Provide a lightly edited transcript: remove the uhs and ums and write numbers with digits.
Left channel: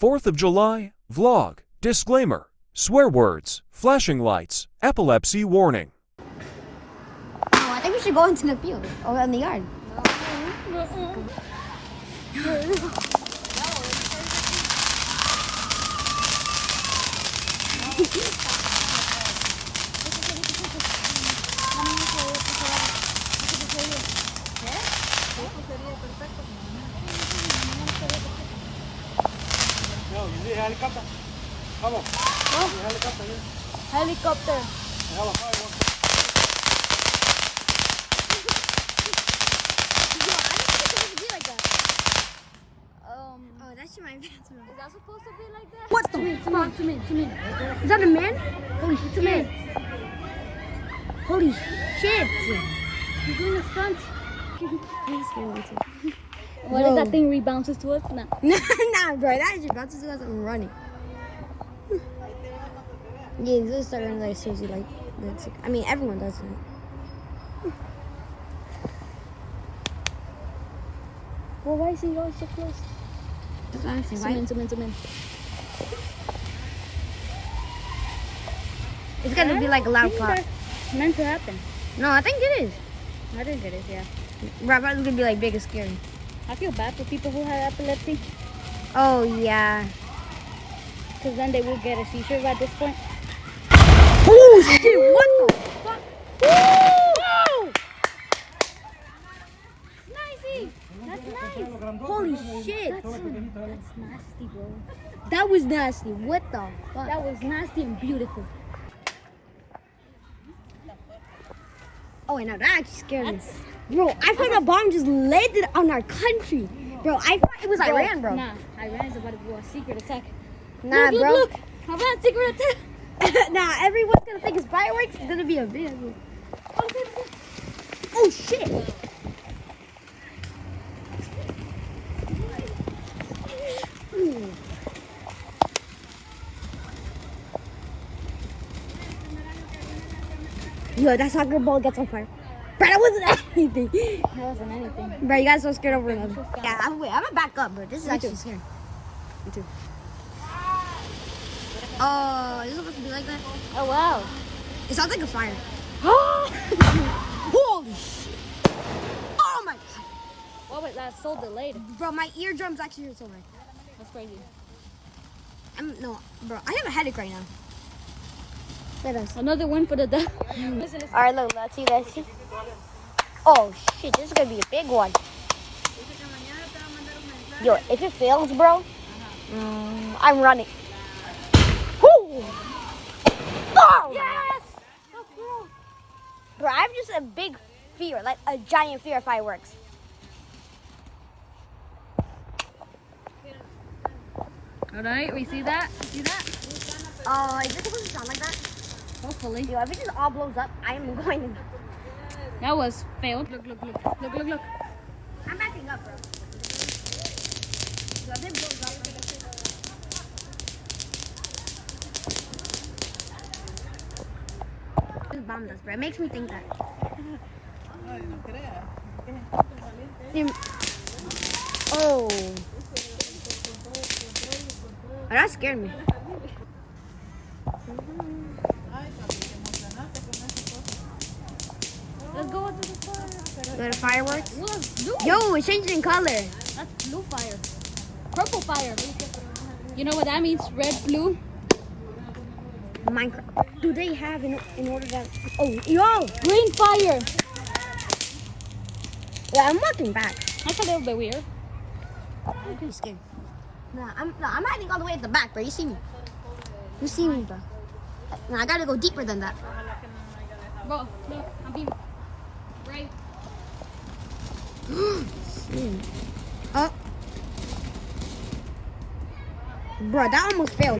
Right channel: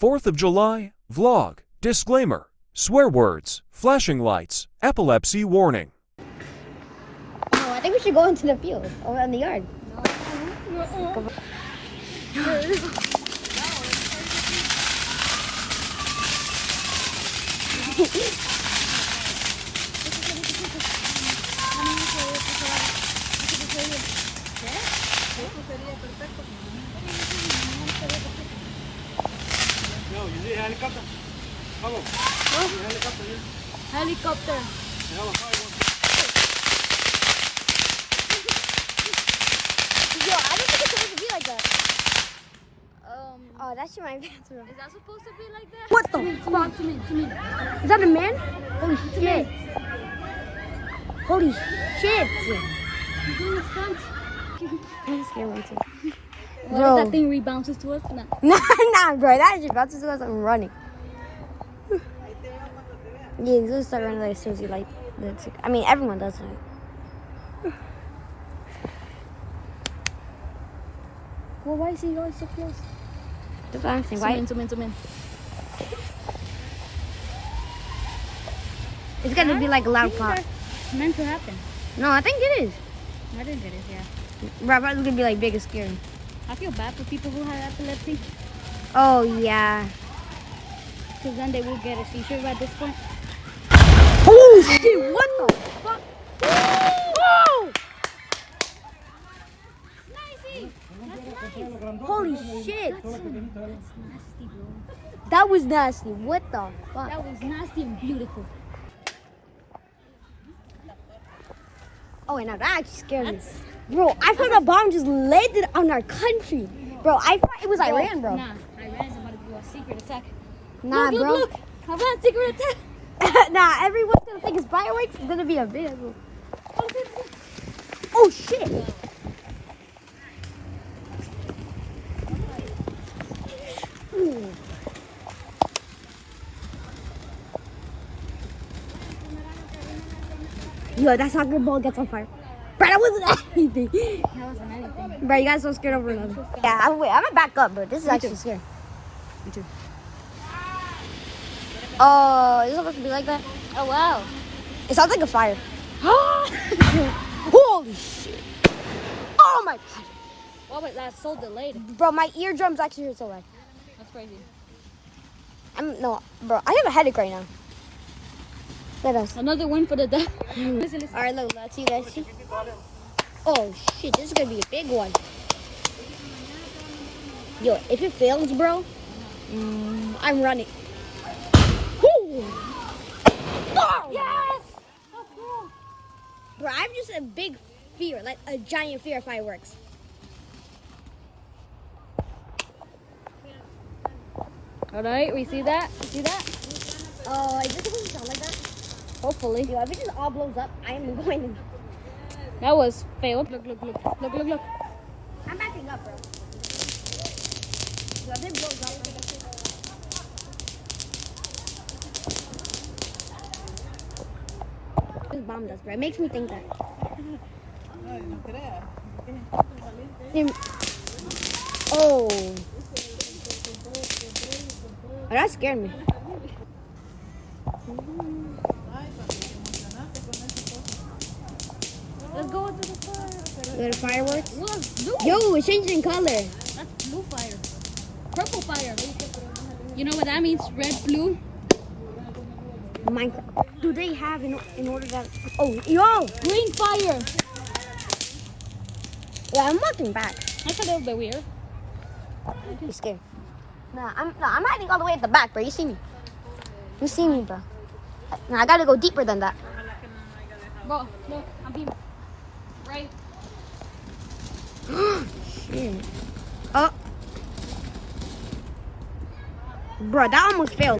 4th of July, vlog, disclaimer, swear words, flashing lights, epilepsy warning. No, I think we should go into the field or in the yard. Come on. Helicopter. Vamos. Helicopter. Helicopter. Yo, I don't think it's supposed to be like that. Oh, that's your bathroom. Is that supposed to be like that? What the? Come on, to me. Is that a man? Holy shit. Holy shit. He's doing a stunt. I'm scared one too. What if that thing rebounces to us? Nah. Nah, bro. That just bounces to us and running. Yeah, he's gonna start running like as soon as he like. I mean, everyone does it. Well, why is he always so close? That's what I'm saying. Why? Zoom in. It's gonna be like a loud pop. That's meant to happen. No, I think it is. I think it is, yeah. Bro, it's gonna be like big and scary. I feel bad for people who have epilepsy. Oh yeah. Because then they will get a seizure at this point. Oh shit! What the fuck? Whoa! Nicey! That's nice. Holy shit! That's nasty, bro. That was nasty. What the fuck? That was nasty and beautiful. Oh, and now that actually scared me. Bro, I thought a bomb just landed on our country. Bro, I thought it was Iran, bro. Nah, Iran's about to do a secret attack. Nah, bro. Look. How about secret attack? Nah, everyone's gonna think it's fireworks. It's gonna be a video. Oh shit! Ooh. Yo, that soccer ball gets on fire. Bro, that wasn't anything. That wasn't anything. Bro, you guys so scared over them. Yeah, I'm gonna back up, bro. This is actually scary. Me too. Oh, is it supposed to be like that? Oh, wow. It sounds like a fire. Holy shit. Oh my god. Oh my god, that's so delayed. Bro, my eardrums actually hurt so bad. That's crazy. No, bro, I have a headache right now. Let us. Another one for the death. Alright, look, let's see. Oh shit, this is gonna be a big one. Yo, if it fails, bro, I'm running. Woo! Oh! Yes! So cool. Bro, I have just a big fear, like a giant fear of fireworks. Alright, we see that? See that? Is this supposed to sound like that? Hopefully. Yo, if it just all blows up, I am going to. That was failed. Look. I'm backing up, bro. So if it blows up, this bombed us, bro. It makes me think that. Oh, that scared me. Let's go into the fire. Little fireworks. Look, blue. Yo, it's changing color. That's blue fire. Purple fire. You know what that means? Red, blue. Minecraft. Do they have in order to? Oh, yo, Green fire. yeah, I'm walking back. That's a little bit weird. I'm scared. I'm hiding all the way at the back, bro. You see me? You see me, bro? Nah, I gotta go deeper than that. Bro, look. I'm being right. Shit. Oh, bro, that almost failed.